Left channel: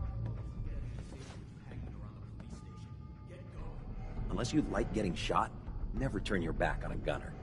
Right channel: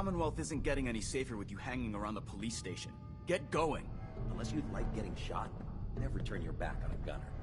Commonwealth isn't getting any safer with you hanging around the police station. Get going. Unless you like getting shot, never turn your back on a gunner.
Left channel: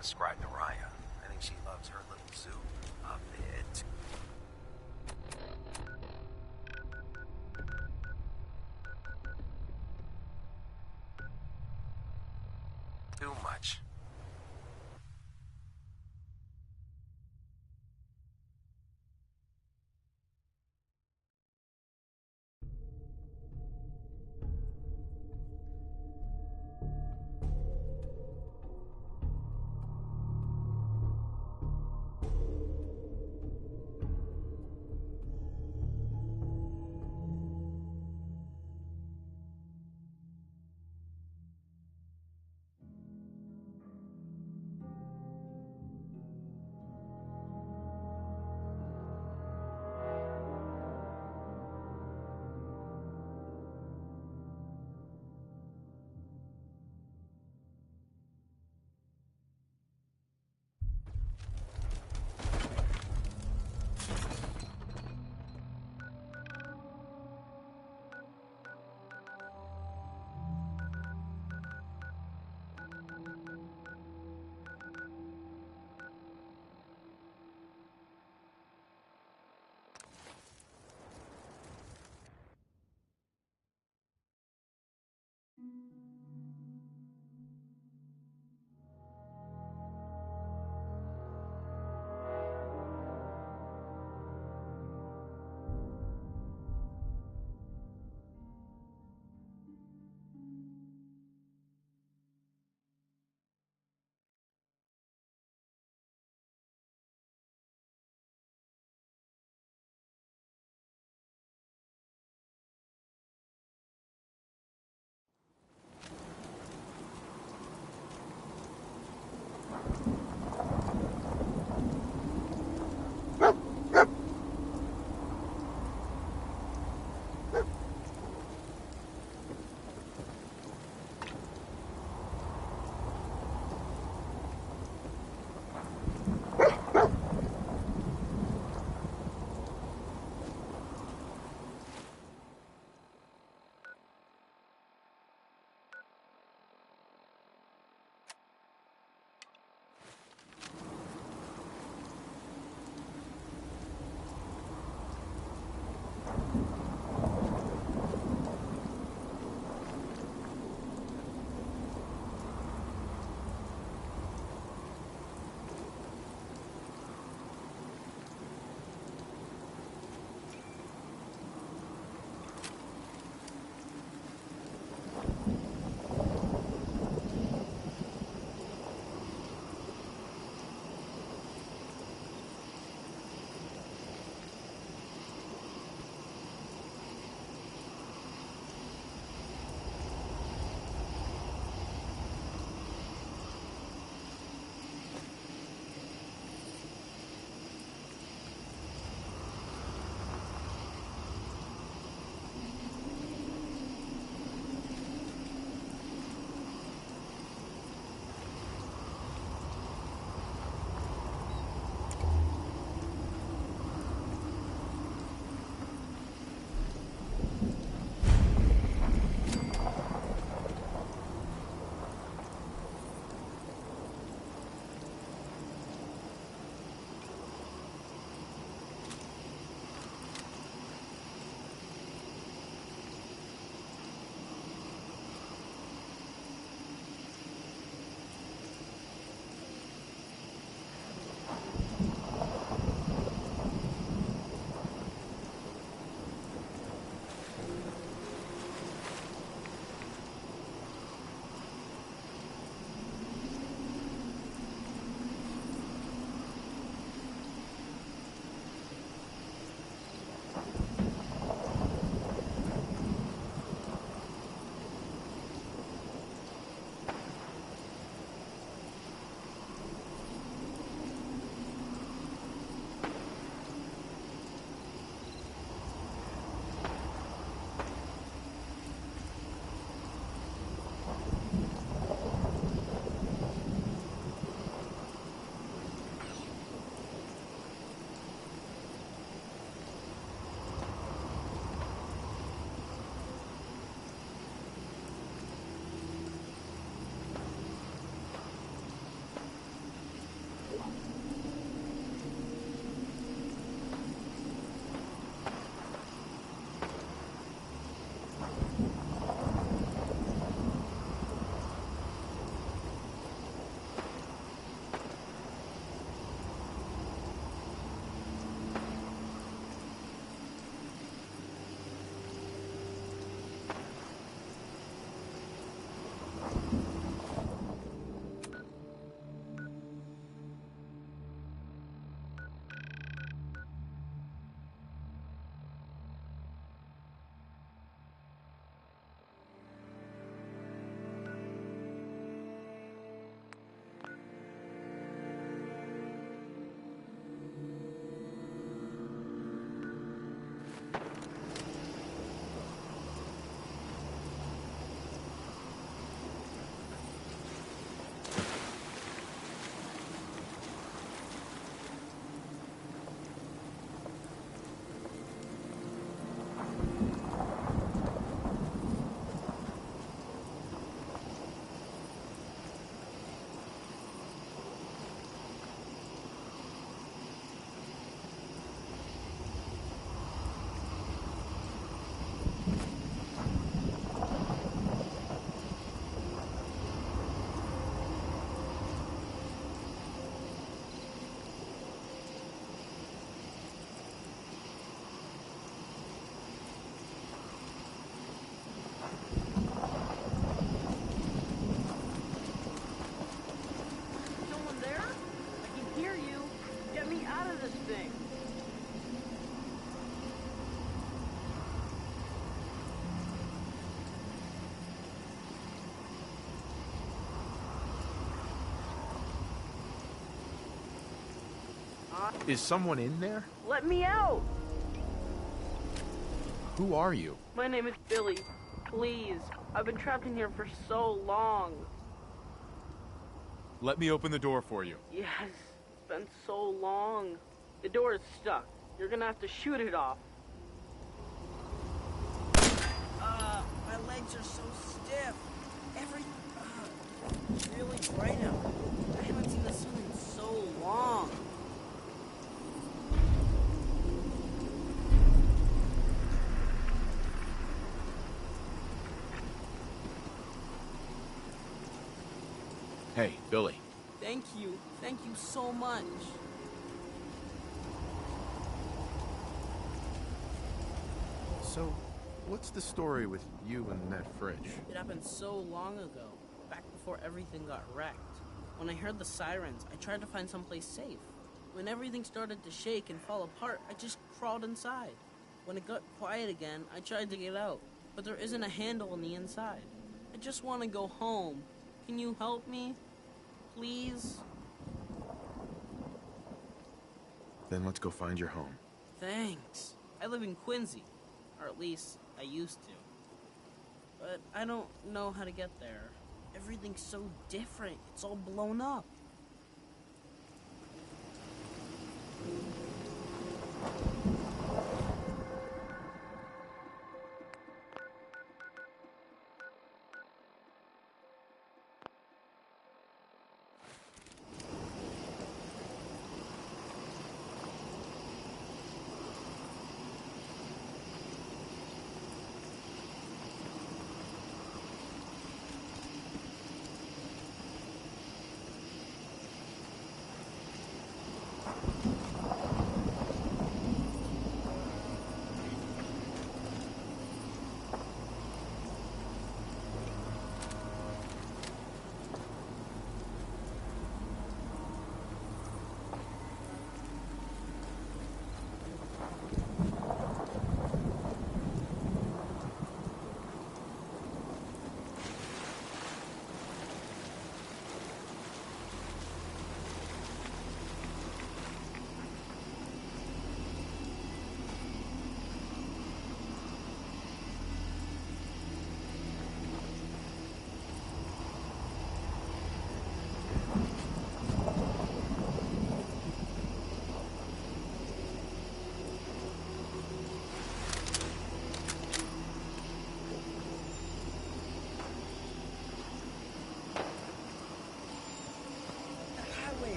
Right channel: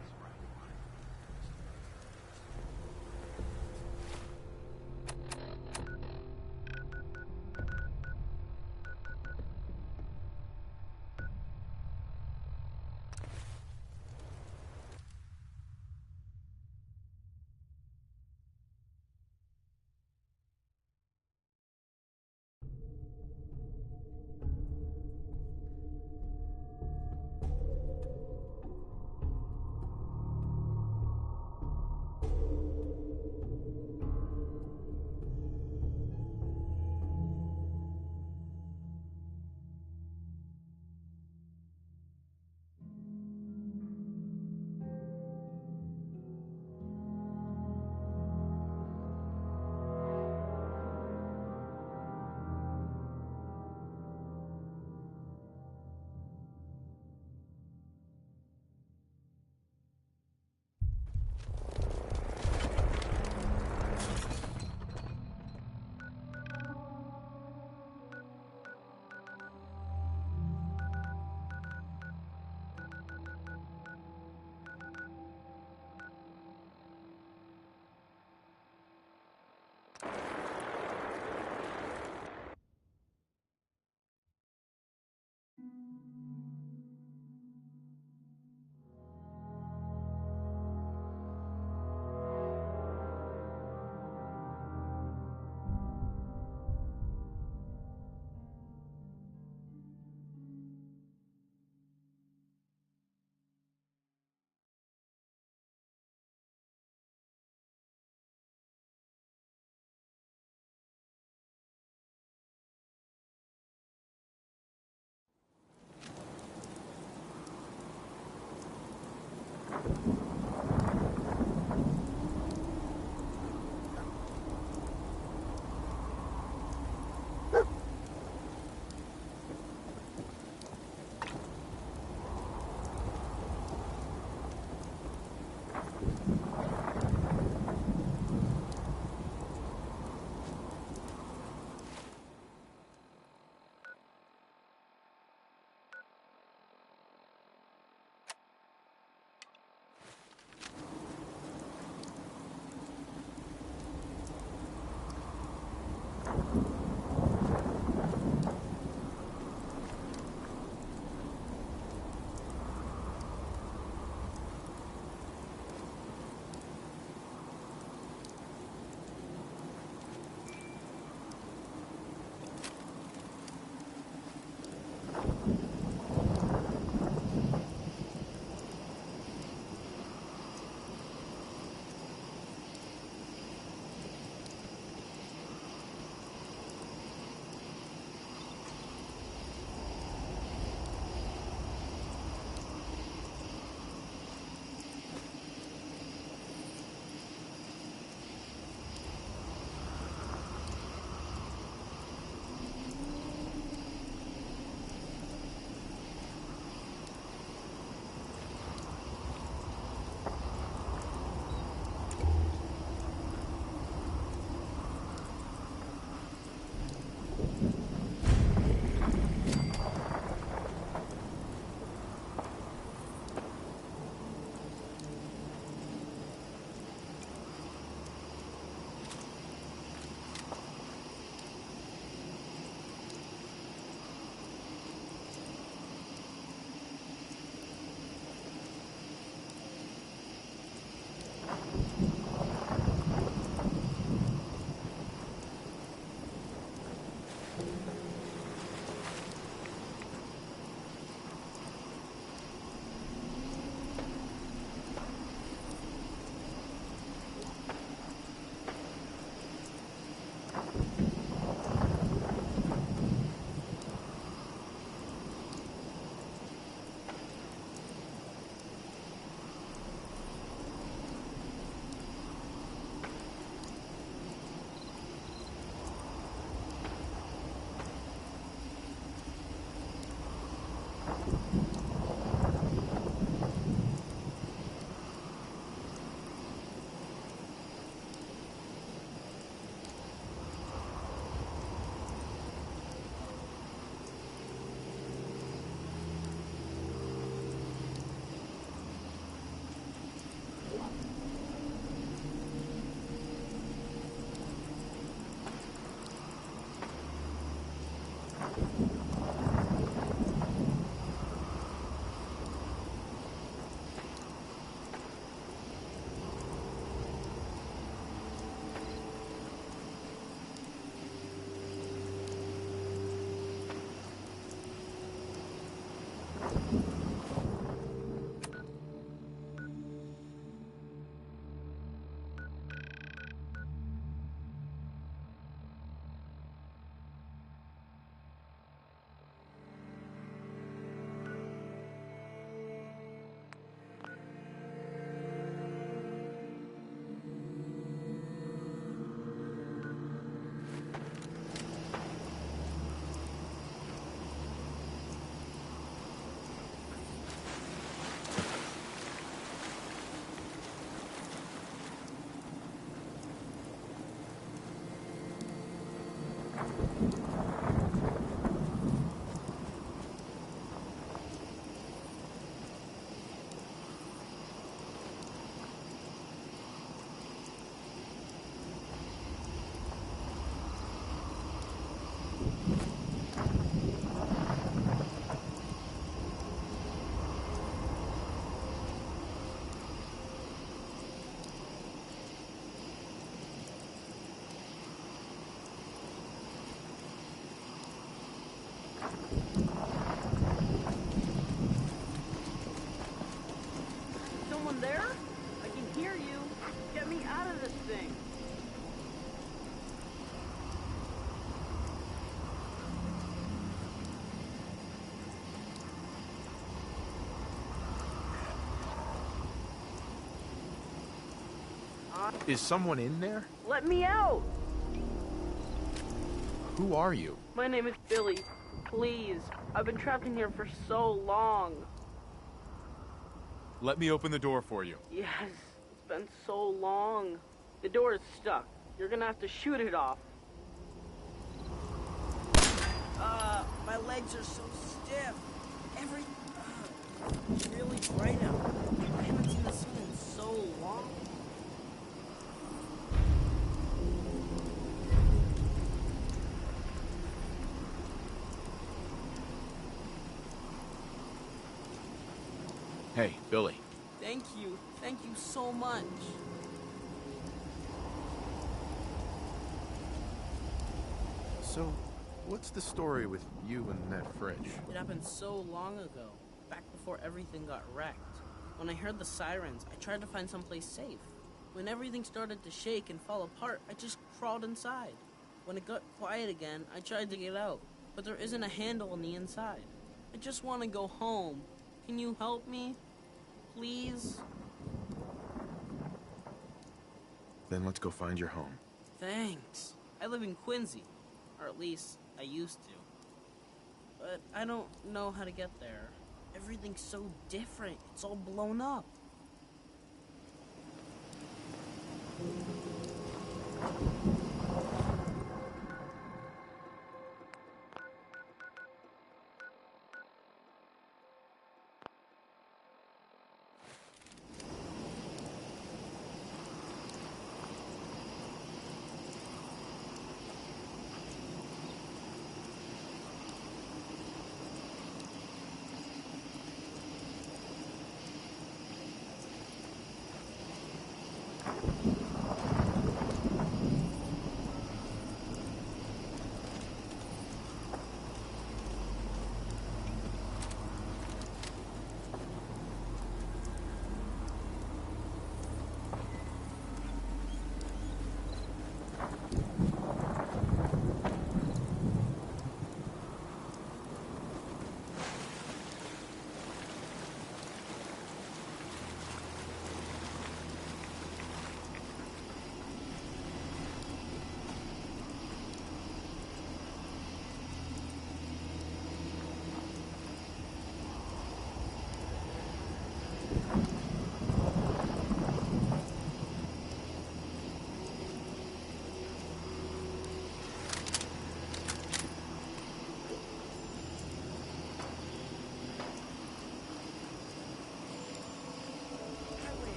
Ascribe to Raya. I think she loves her little zoo a bit. Too much. Is someone in there? Let me out! Who are you? My name is Billy. Please. I've been trapped in here for so long. Let me open the door for you. Yes, it's been so long. The door is stuck. You're gonna have to shoot it off. My legs are so stiff. It's really bright out. I haven't seen the sun in so long. Hey, Billy. Thank you so much. So, what's the story with you and that fridge? It happened so long ago, back before everything got wrecked. When I heard the sirens, I tried to find someplace safe. When everything started to shake and fall apart, I just crawled inside. When it got quiet again, I tried to get out, but there isn't a handle on the inside. I just want to go home. Can you help me? Please? Then let's go find your home. Thanks. I live in Quincy. Or at least, I used to. But I don't know how to get there. Everything's so different. It's all blown up.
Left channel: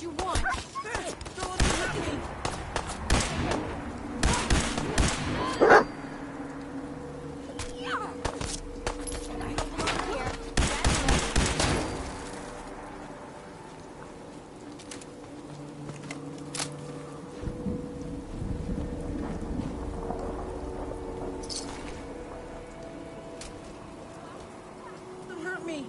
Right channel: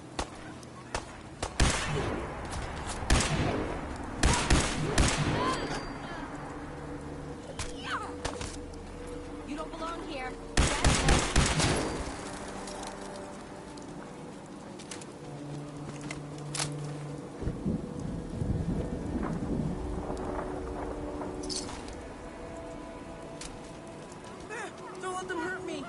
what you want. You don't belong here. That's it. Don't let them hurt me.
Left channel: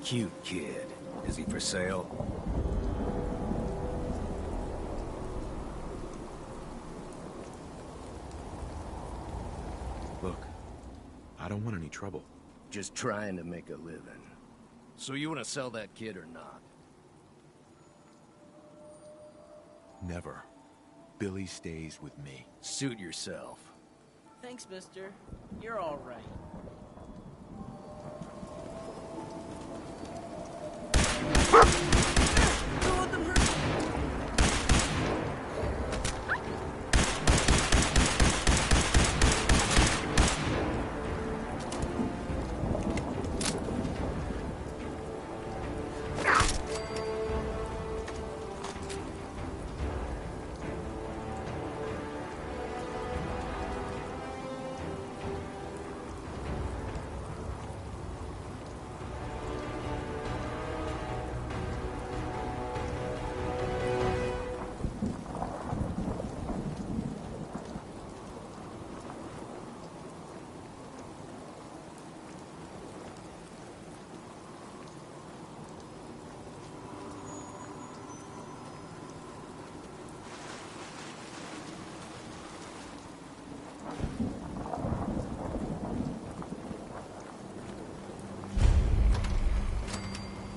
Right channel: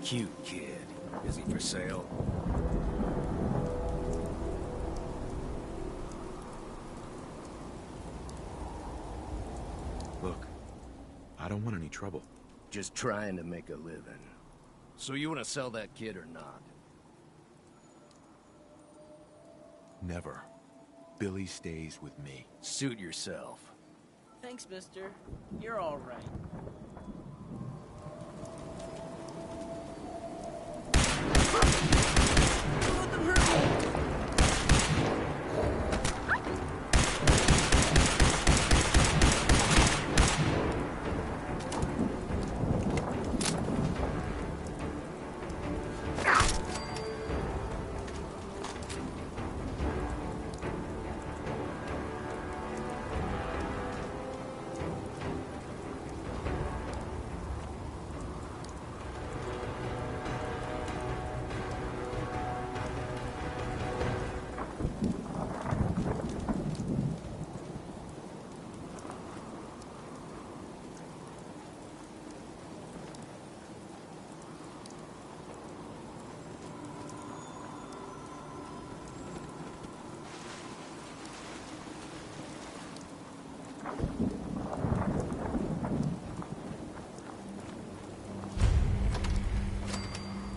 Cute kid. Is he for sale? Look, I don't want any trouble. Just trying to make a living. So you want to sell that kid or not? Never. Billy stays with me. Suit yourself. Thanks, mister. You're all right. Don't let them hurt me.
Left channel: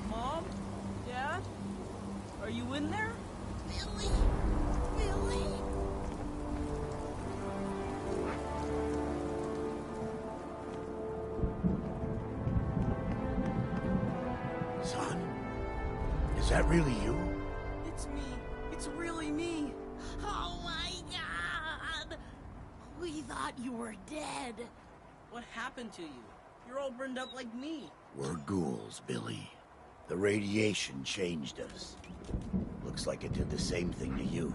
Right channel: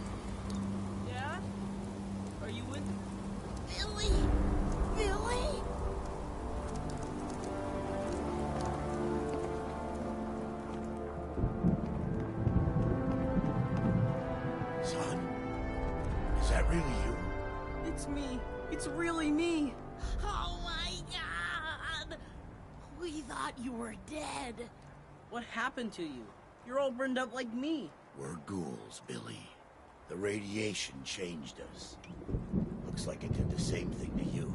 Mom? Dad? Are you in there? Billy! Billy! Son? Is that really you? It's me. It's really me. Oh my god! We thought you were dead. What happened to you? You're all burned up like me. We're ghouls, Billy. The radiation changed us. Looks like it did the same thing to you.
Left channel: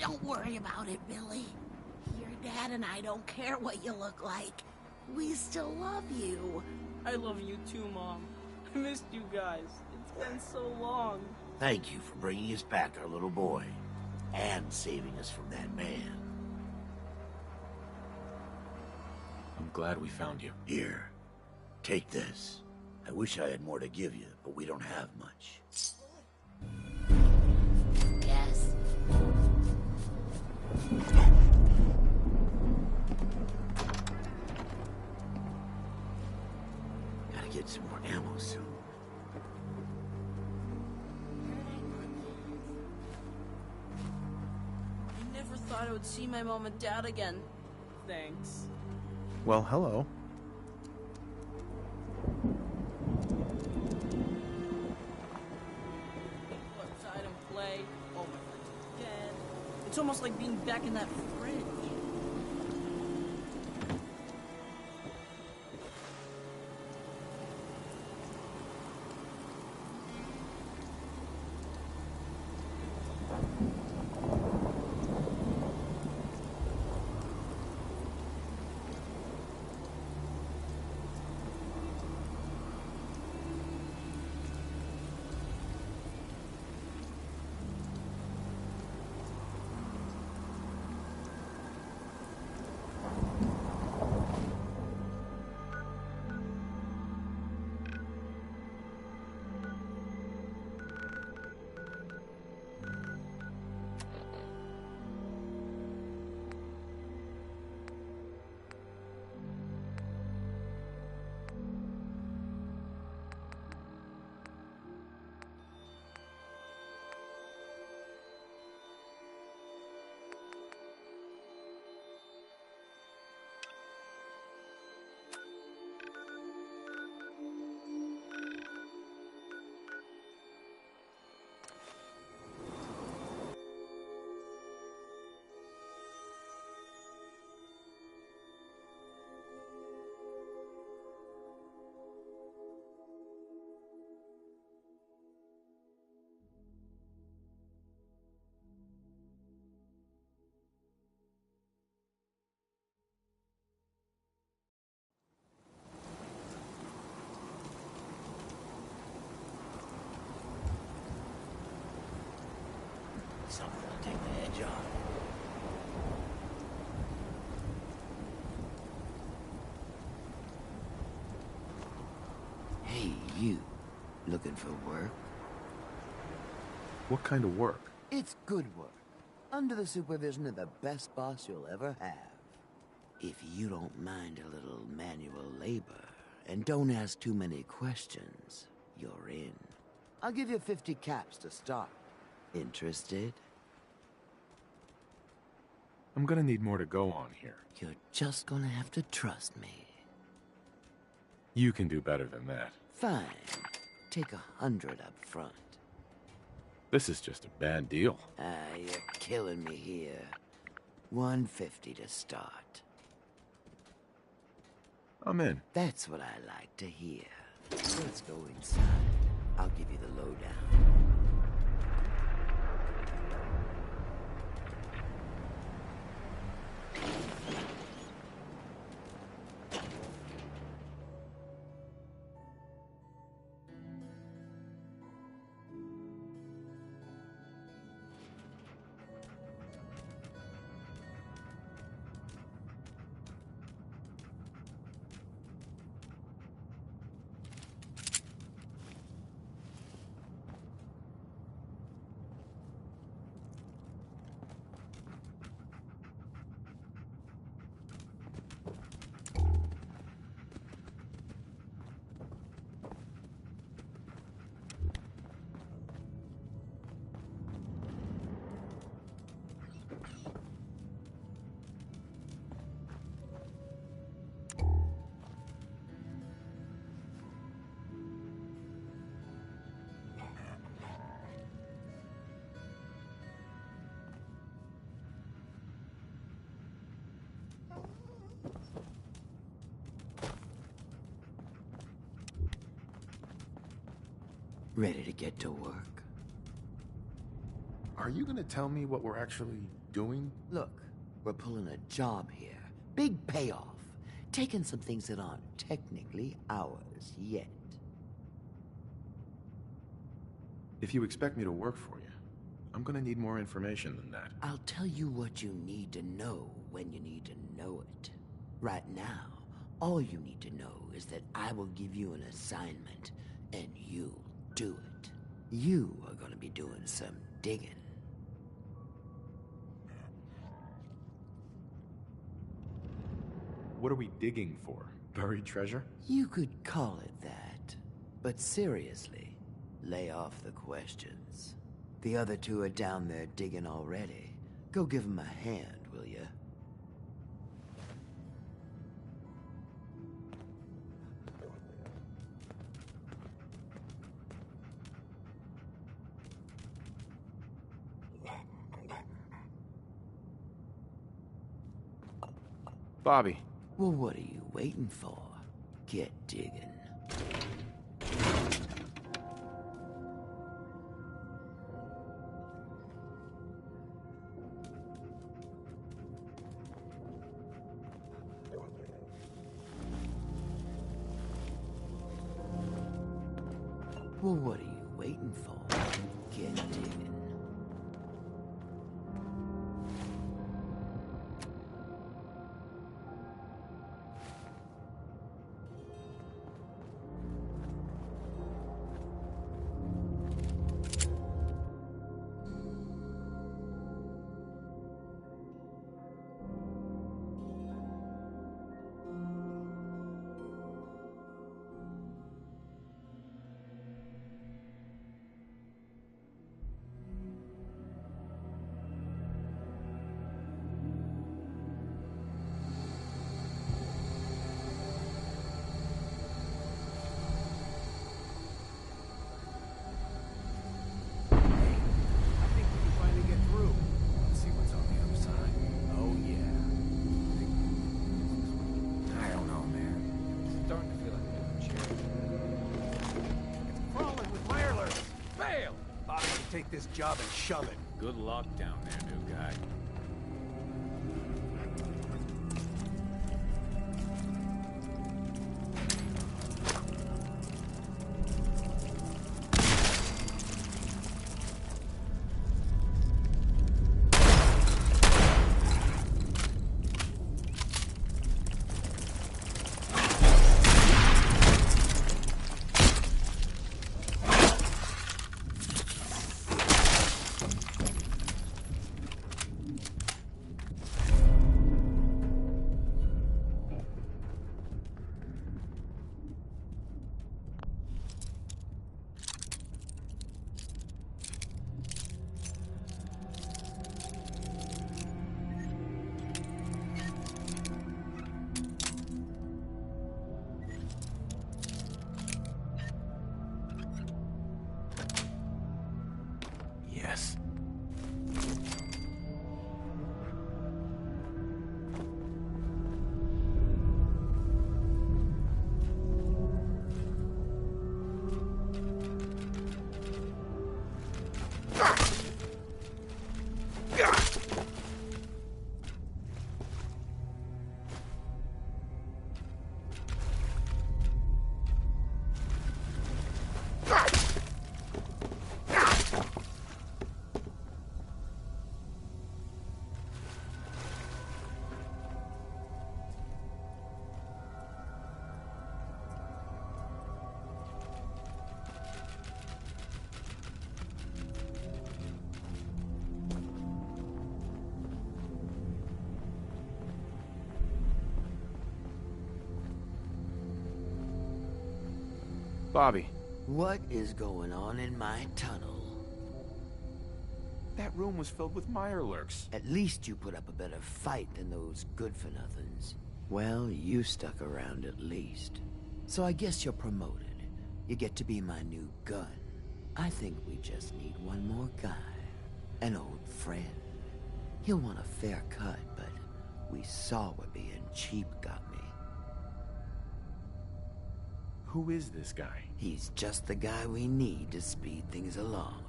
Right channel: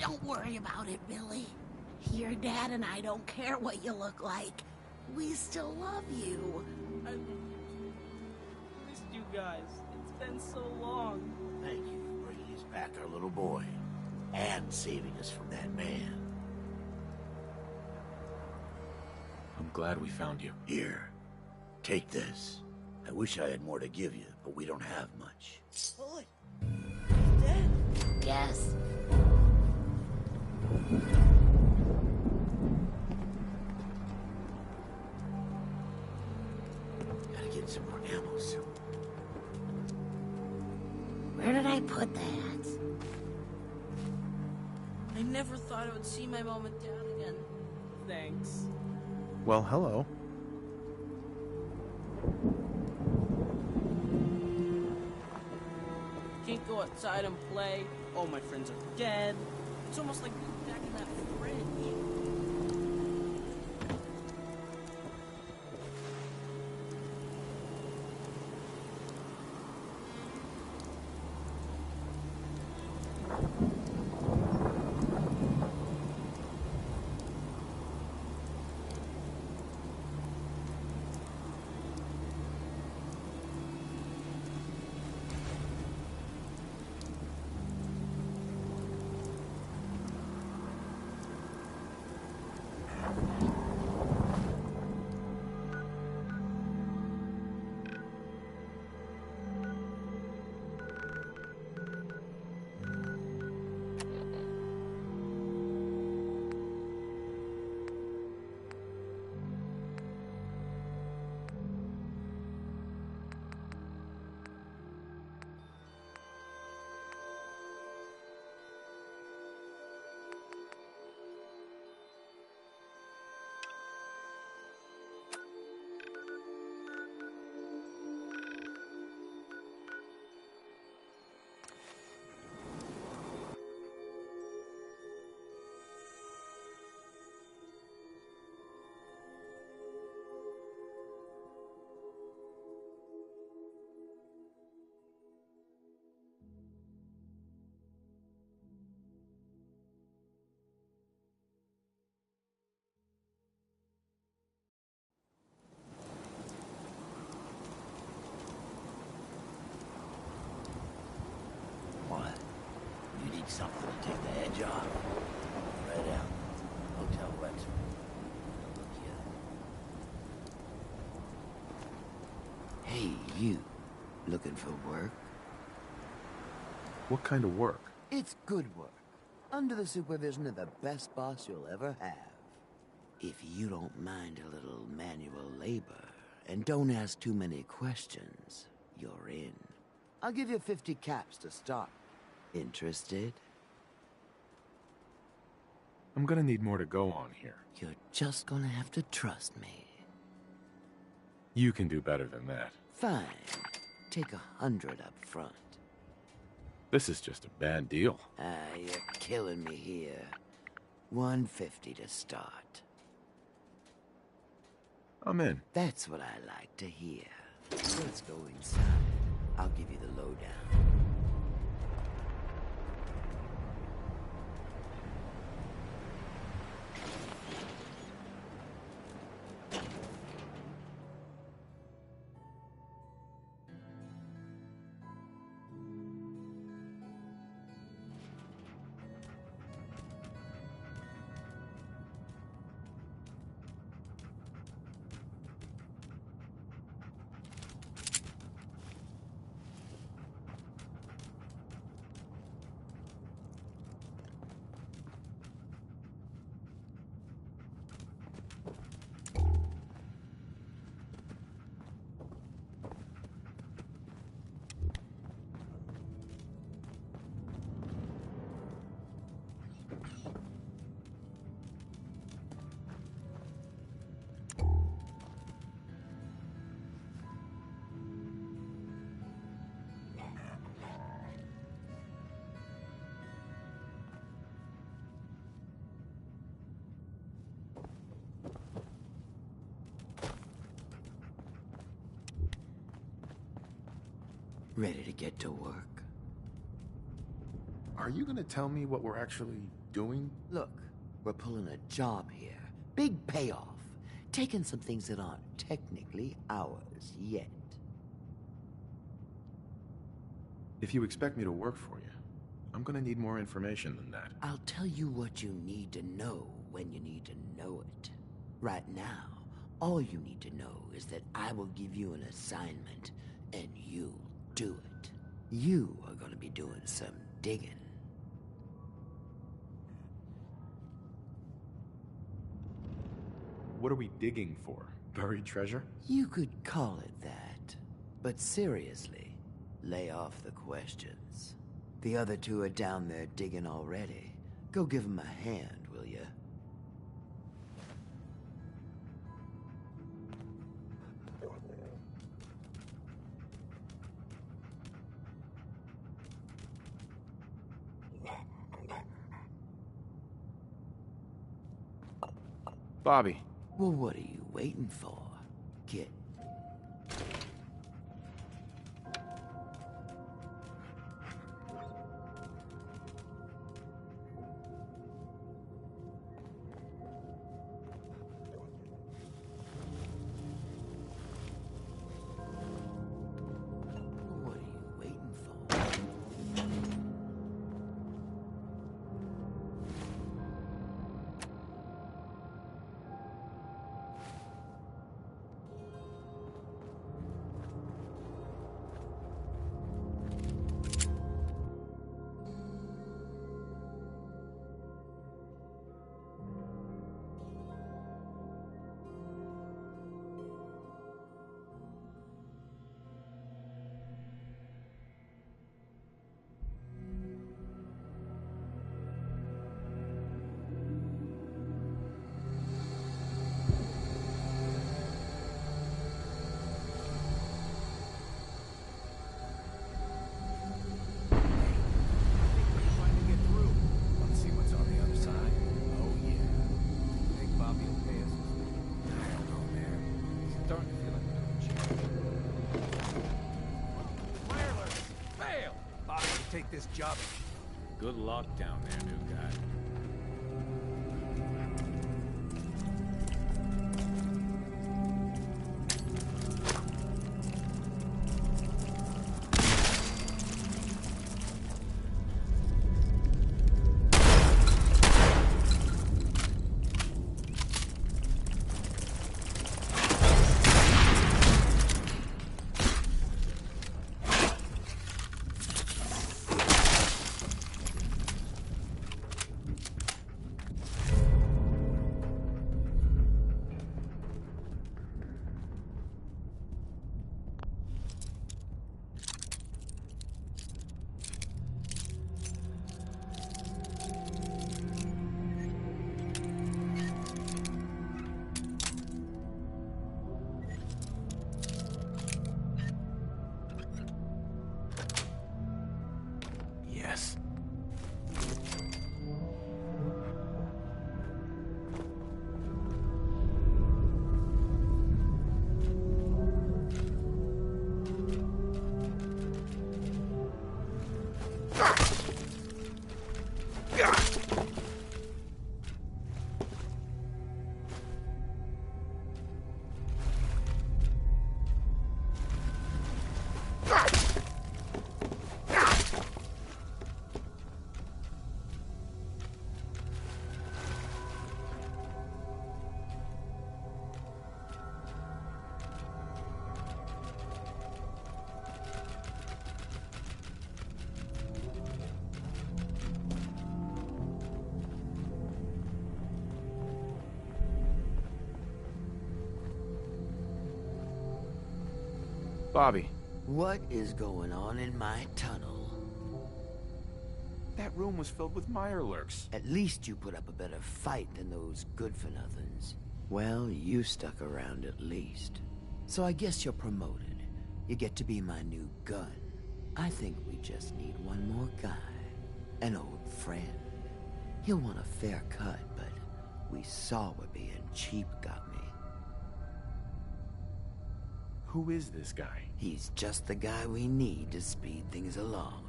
Don't worry about it, Billy. Your dad and I don't care what you look like. We still love you. I love you too, Mom. I missed you guys. It's been so long. Thank you for bringing us back our little boy. And saving us from that man. I'm glad we found you. Here, take this. I wish I had more to give you, but we don't have much. Holy. Yes. Gotta get some more ammo soon. Where did I put that? I never thought I would see my mom and dad again. Thanks. Well, hello. Can't go outside and play. All my friends are dead. It's almost like being back in that fridge. something to take the edge off. Right now. I'll tell what. Hey, you. Looking for work? What kind of work? It's good work. Under the supervision of the best boss you'll ever have. If you don't mind a little manual labor, and don't ask too many questions, you're in. I'll give you 50 caps to start. Interested? I'm gonna need more to go on here. You're just gonna have to trust me. You can do better than that. Fine. Take 100 up front. This is just a bad deal. You're killing me here. 150 to start. I'm in. That's what I like to hear. Let's go inside. I'll give you the lowdown. Ready to get to work? Are you gonna tell me what we're actually doing? Look, we're pulling a job here. Big payoff. Taking some things that aren't technically ours yet. If you expect me to work for you, I'm gonna need more information than that. I'll tell you what you need to know when you need to know it. Right now, all you need to know is that I will give you an assignment, and you'll do it. You are gonna be doing some digging. What are we digging for? Buried treasure? You could call it that. But seriously, lay off the questions. The other two are down there digging already. Go give them a hand, will ya? Bobby. Well, what are you waiting for? Get digging. Well, what are you waiting for? Get digging. Take this job and shove it. Good luck down there, new guy. Bobby, What is going on in my tunnel? that room was filled with Mirelurks. At least you put up a better fight than those good-for-nothings. Well, you stuck around at least. So I guess you're promoted. You get to be my new gun. I think we just need one more guy. An old friend. He'll want a fair cut, but we saw what being cheap got me. Who is this guy? He's just the guy we need to speed things along.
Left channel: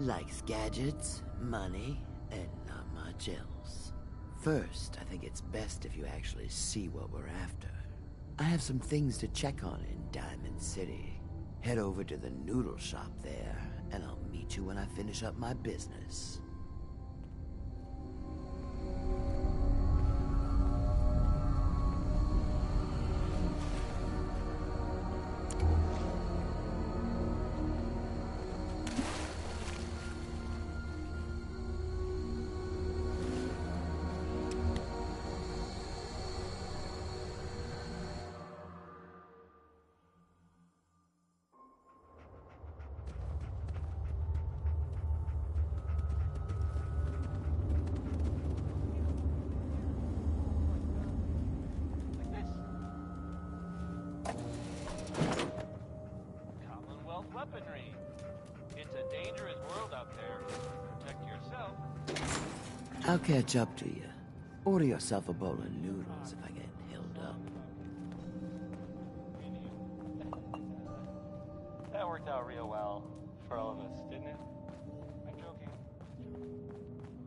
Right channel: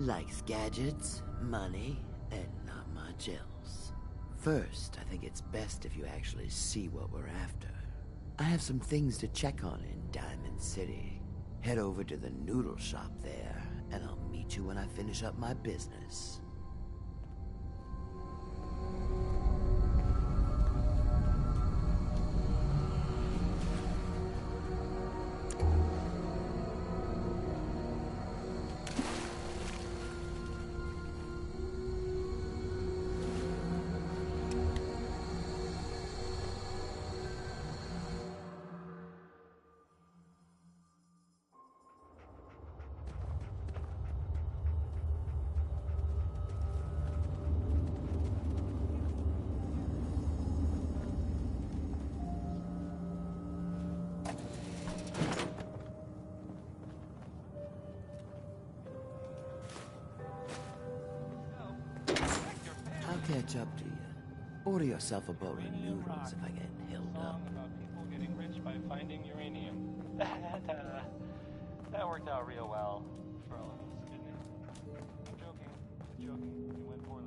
Likes gadgets, money, and not much else. First, I think it's best if you actually see what we're after. I have some things to check on in Diamond City. Head over to the noodle shop there, and I'll meet you when I finish up my business. I'll catch up to you. Order yourself a bowl of noodles if I get held up. That worked out real well for all of us, didn't it? I'm joking. Joking. It went poorly.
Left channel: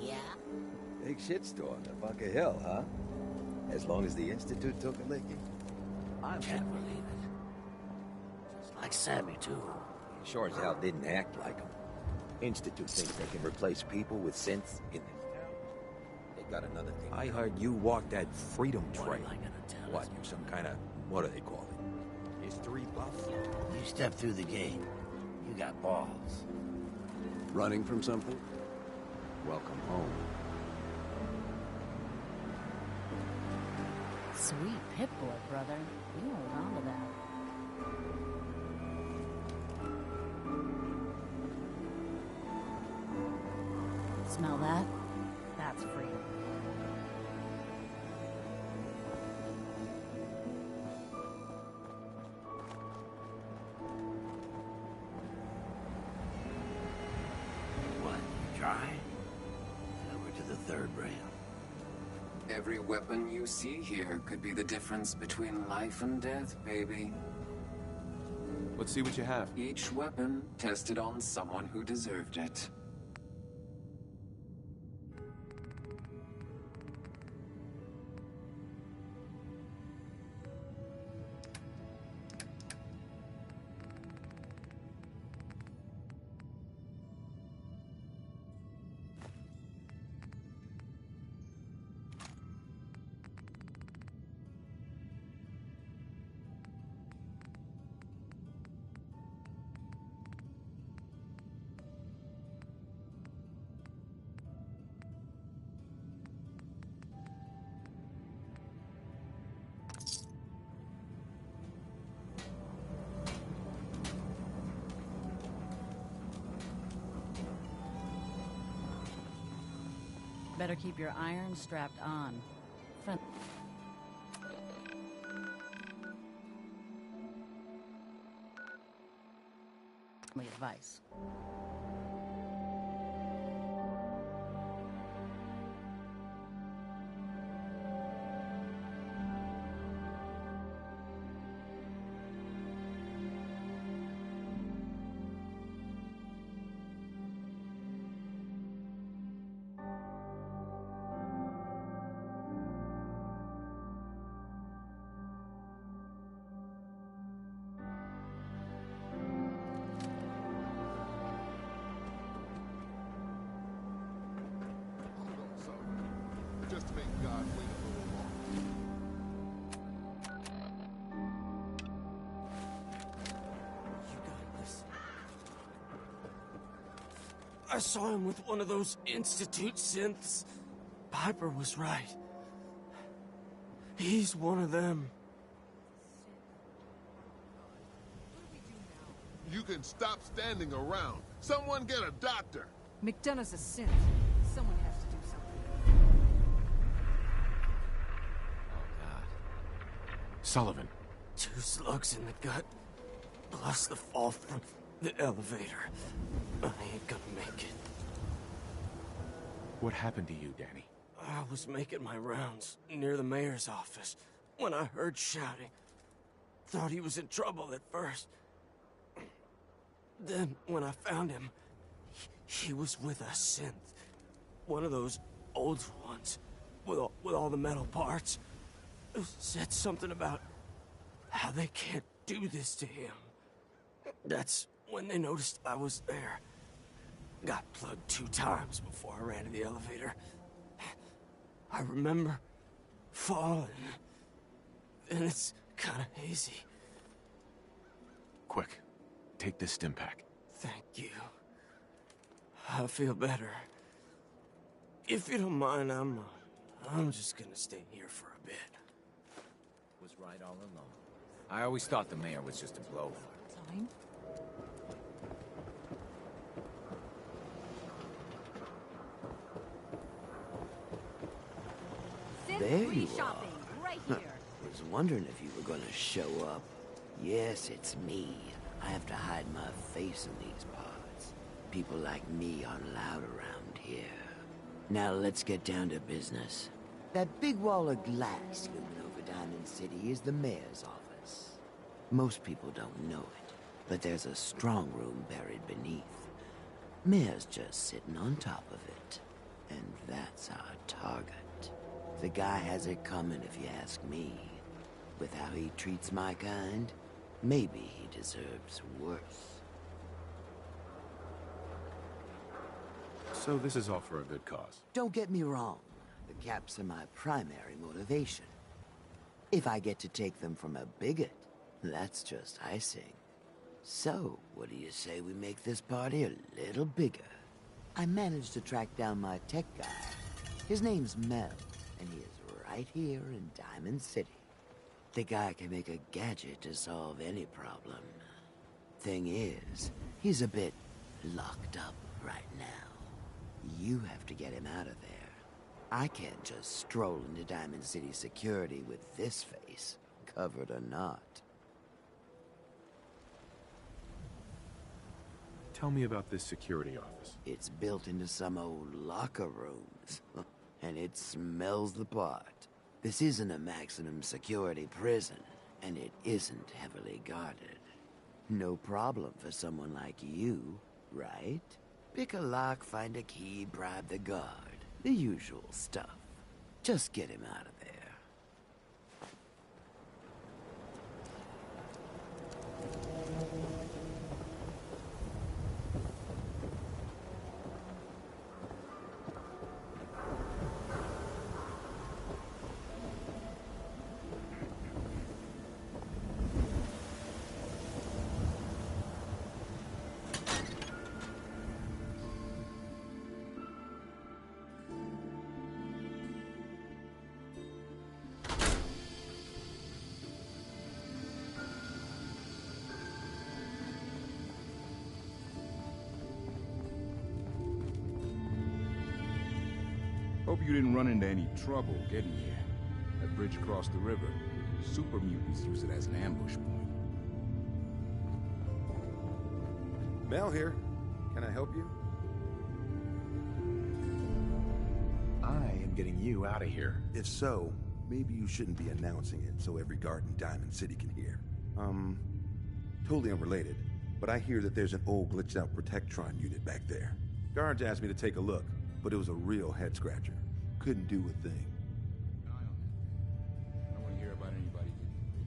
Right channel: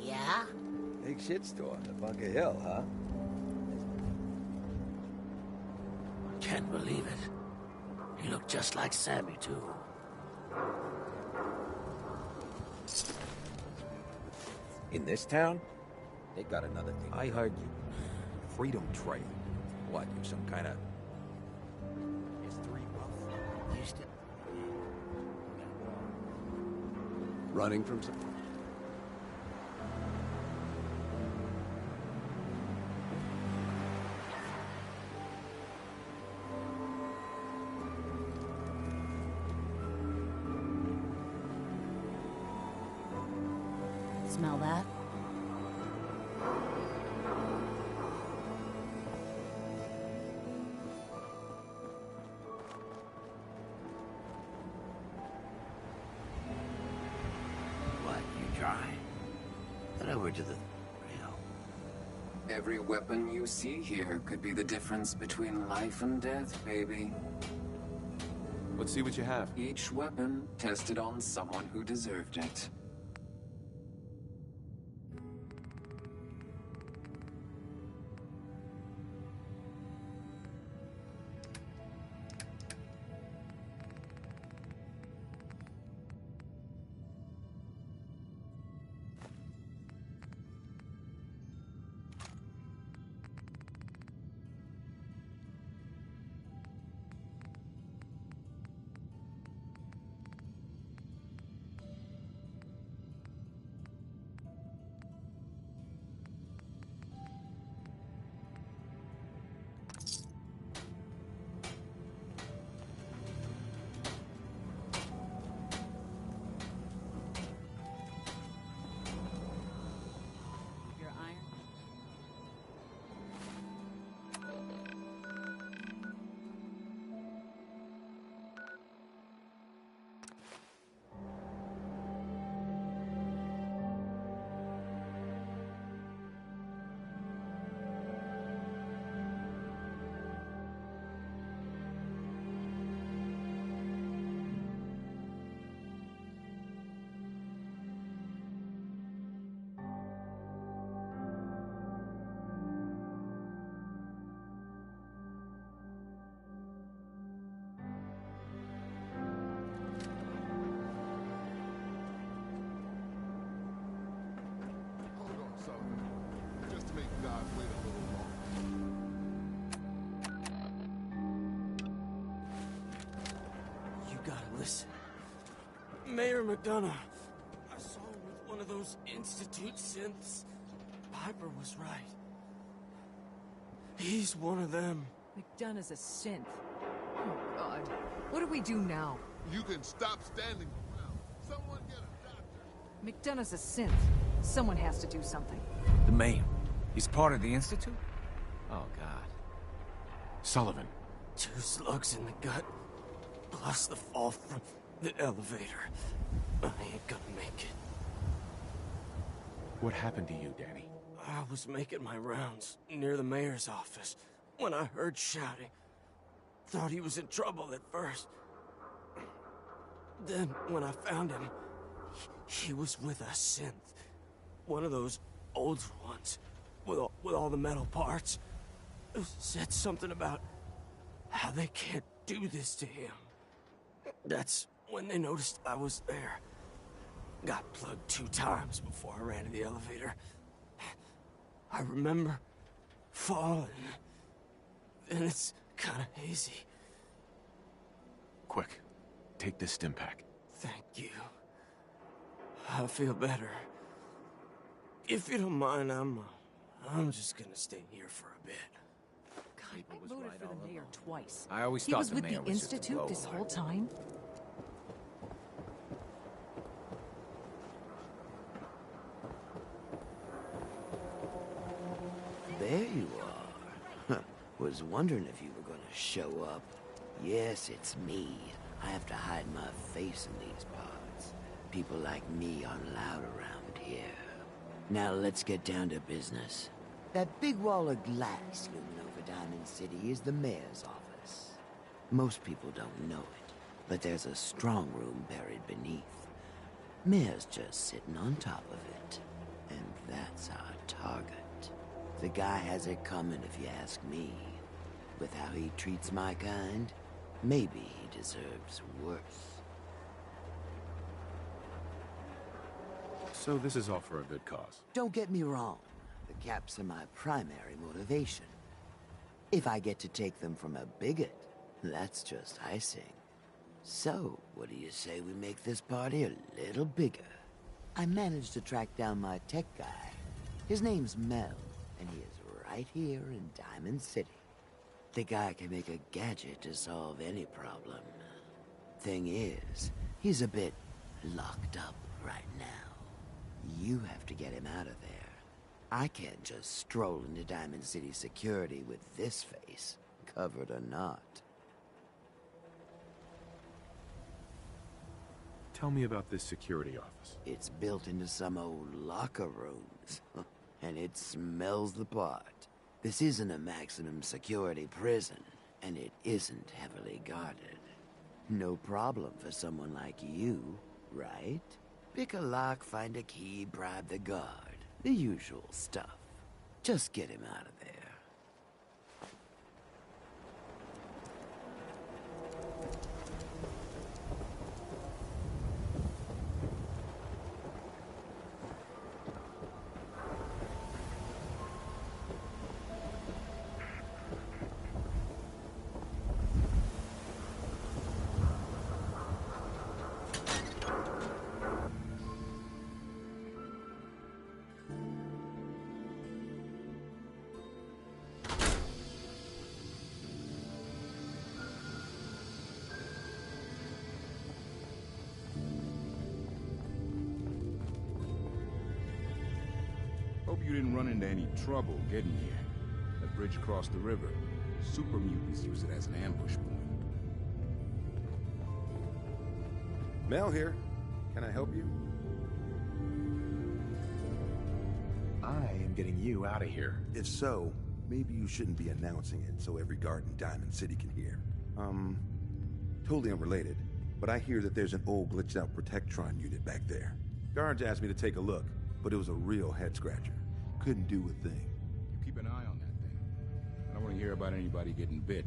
Yeah? Big shitstorm at Bunker Hill, huh? As long as the Institute took a licking. Can't believe it. He looked just like Sammy, too. Sure as hell didn't act like him. Institute thinks they can replace people with synths in this town? They got another thing. I heard you walked that freedom trail. What, you some kind of, what do they call it? History buff? You step through the gate. You got balls. Running from something? Welcome home. Sweet Pip-Boy, brother. You are onto that. Smell that? That's free. What, you dry? Head over to the third rail. Every weapon you see here could be the difference between life and death, baby. Let's see what you have. Each weapon tested on someone who deserved it. Better keep your iron strapped on. Advice. God wait a little longer. You gotta listen. Mayor McDonough. I saw him with one of those Institute synths. Piper was right. He's one of them. McDonough's a synth. Oh, God. What do we do now? You can stop standing around. Someone get a doctor. McDonough's a synth. Someone has to do something. The mayor. He's part of the Institute? Oh, God. Sullivan. 2 slugs in the gut, plus the fall from the elevator. I ain't gonna make it. What happened to you, Danny? I was making my rounds near the mayor's office when I heard shouting. Thought he was in trouble at first. Then, when I found him, he was with a synth. One of those old ones, with all the metal parts. Said something about how they can't do this to him. That's when they noticed I was there. Got plugged 2 times before I ran to the elevator. I remember falling. And it's kind of hazy. Quick, take this stim pack. Thank you. I feel better. If you don't mind, I'm just gonna stay here for a bit. People was right all along. Twice. I always thought the mayor was just a Institute this whole time. There you are. Was wondering if you were gonna show up. Yes, it's me. I have to hide my face in these parts. People like me aren't allowed around here. Now let's get down to business. That big wall of glass looming over Diamond City is the mayor's office. Most people don't know it, but there's a strong room buried beneath. Mayor's just sitting on top of it. And that's our target. The guy has it coming if you ask me. With how he treats my kind, maybe he deserves worse. So this is all for a good cause. Don't get me wrong. The caps are my primary motivation. If I get to take them from a bigot, that's just icing. So, what do you say we make this party a little bigger? I managed to track down my tech guy. His name's Mel, and he is right here in Diamond City. The guy can make a gadget to solve any problem. Thing is, he's a bit locked up right now. You have to get him out of there. I can't just stroll into Diamond City security with this face, covered or not. Tell me about this security office. It's built into some old locker rooms, and it smells the part. This isn't a maximum security prison, and it isn't heavily guarded. No problem for someone like you, right? Pick a lock, find a key, bribe the guard. The usual stuff. Just get him out of there. Hope you didn't run into any trouble getting here. That bridge across the river. Super mutants use it as an ambush point. Mel here. Can I help you? I am getting you out of here. If so, maybe you shouldn't be announcing it so every guard in Diamond City can hear. Totally unrelated, but I hear that there's an old glitched out Protectron unit back there. Guards asked me to take a look, but it was a real head-scratcher. Couldn't do a thing. Keep an eye on that thing. I don't want to hear about anybody getting bit.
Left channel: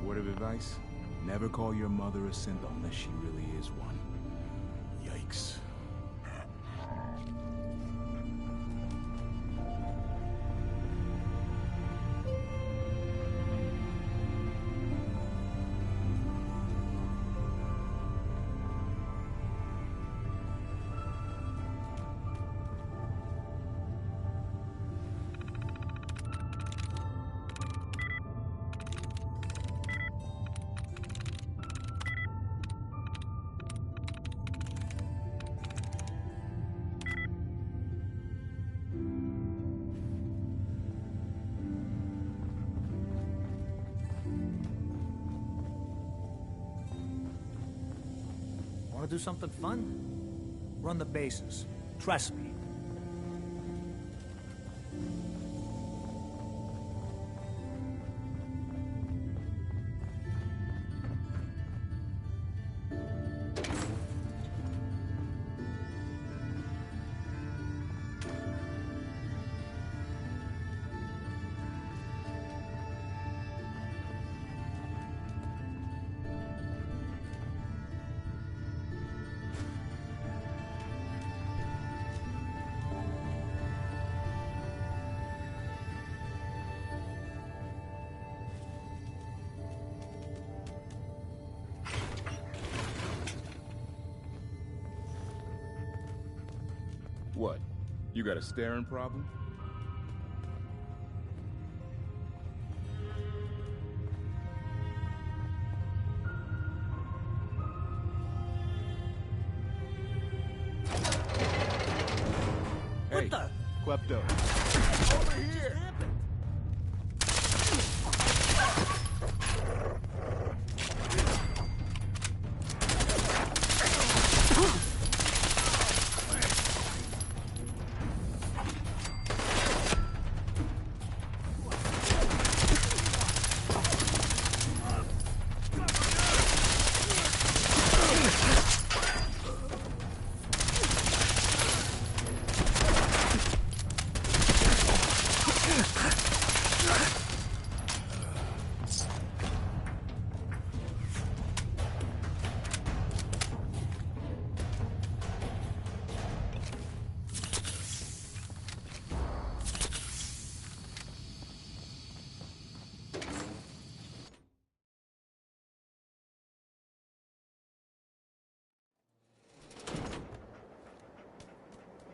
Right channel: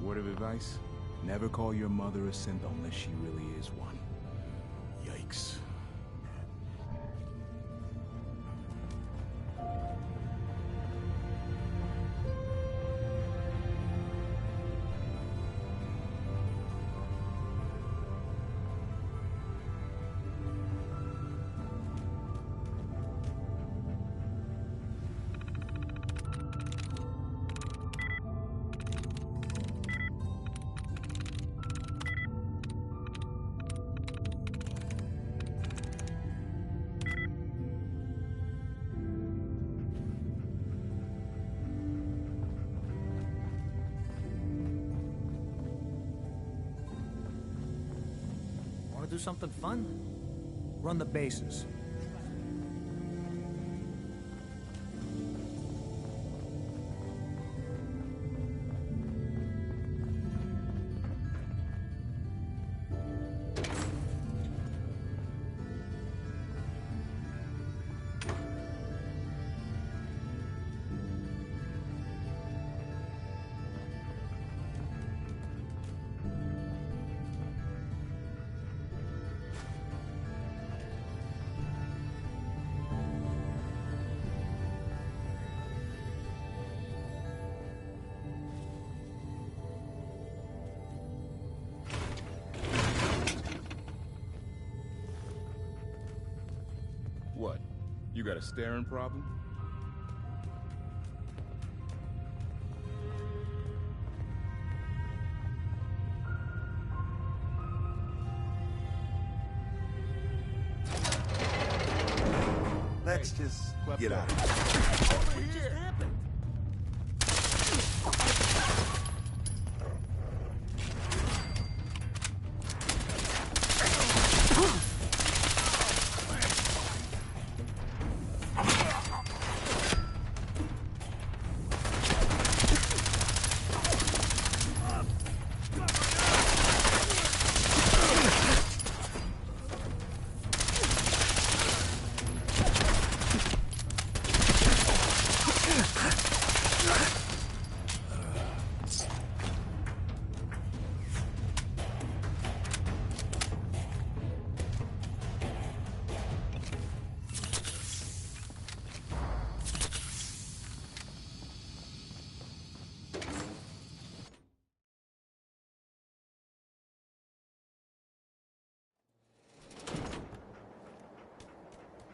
Word of advice? Never call your mother a synth unless she really is one. Yikes. Want to do something fun? Run the bases. Trust me. What? You got a staring problem? Let's Hey, just Klepto. get out. Over here! Happened?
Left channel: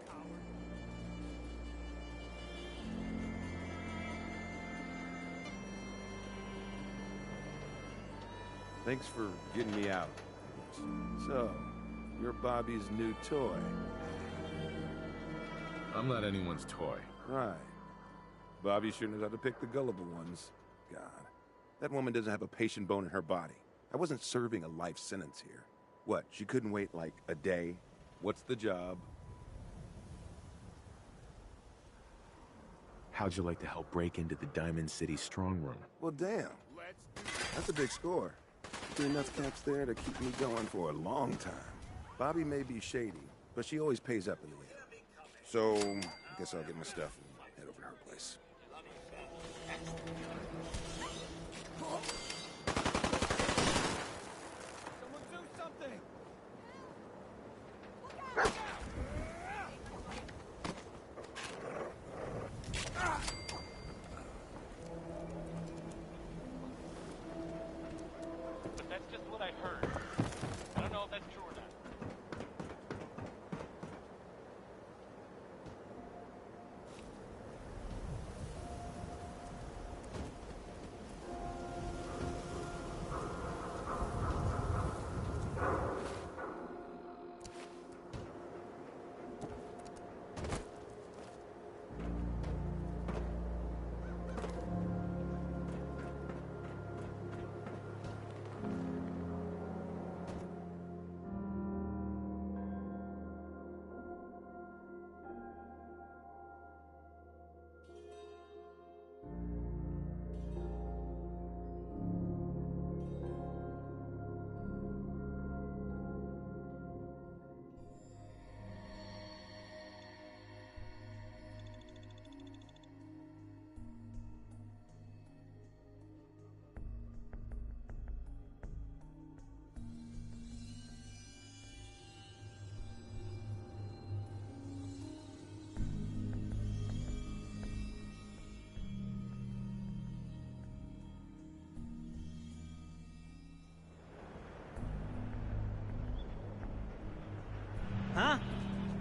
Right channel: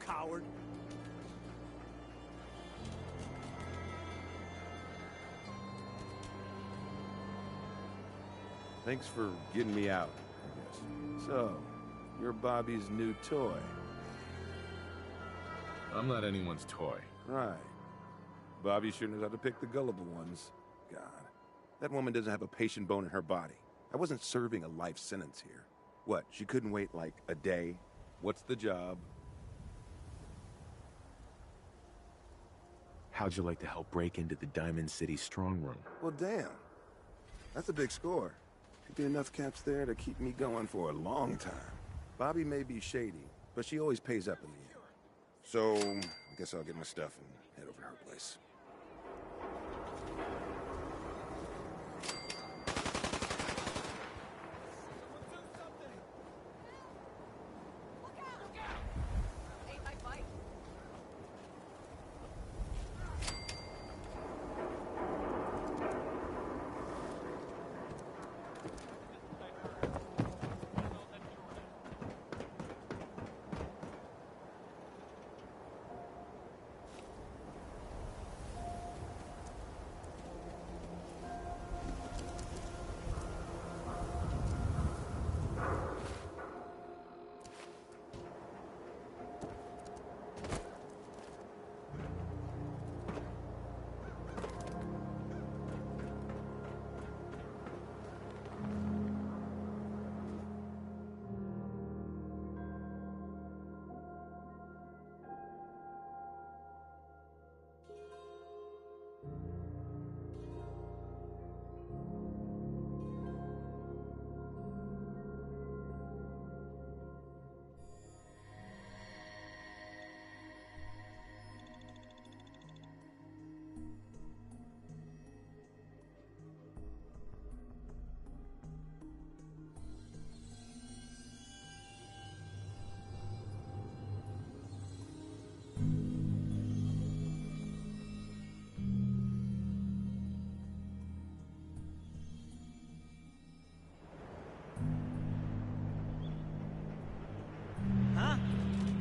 Coward. Thanks for getting me out, I guess. So, you're Bobby's new toy. I'm not anyone's toy. Right. Bobby sure knows how to pick the gullible ones. God, that woman doesn't have a patient bone in her body. I wasn't serving a life sentence here. What, she couldn't wait like a day? What's the job? How'd you like to help break into the Diamond City strong room? Well, damn. That's a big score. There's enough caps there to keep me going for a long time. Bobby may be shady, but she always pays up in the end. So, I guess I'll get my stuff and head over to her place. Someone do something! That's just what I heard. I don't know if that's true or not.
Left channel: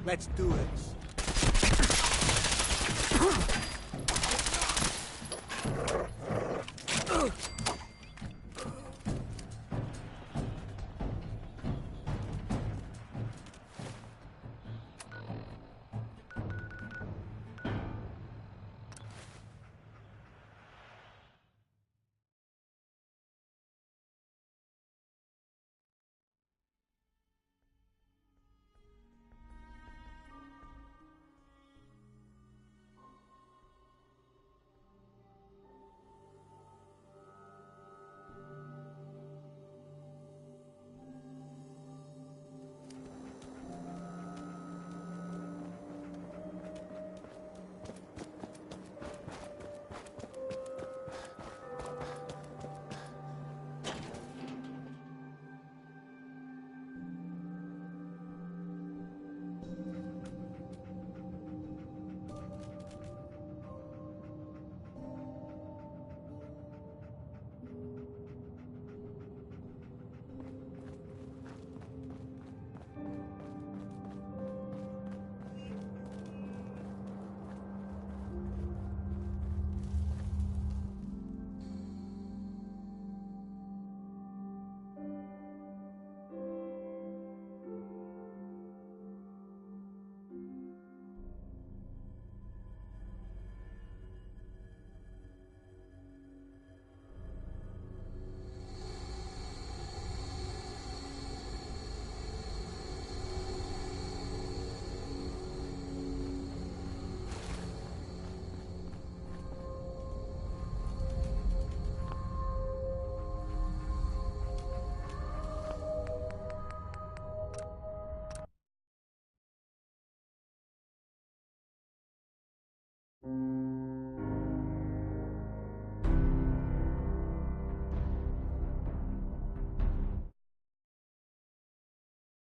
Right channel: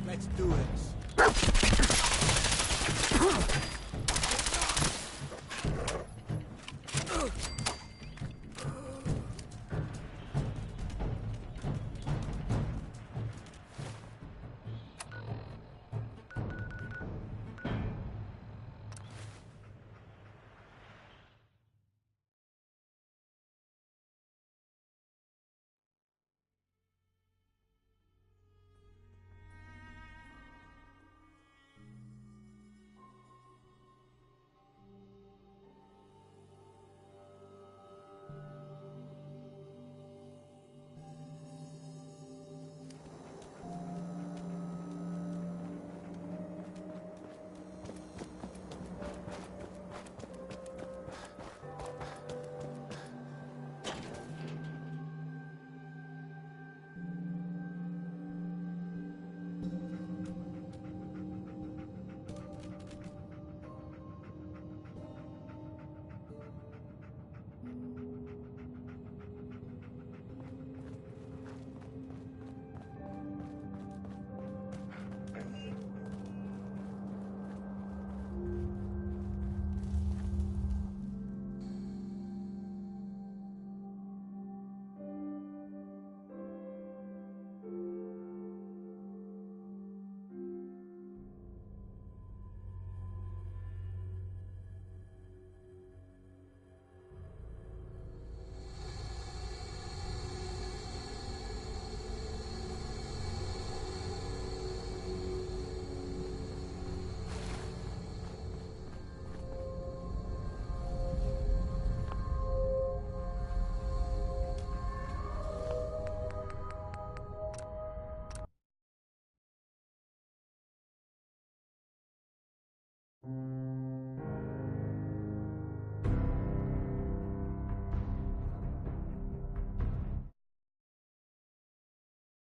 Let's do this.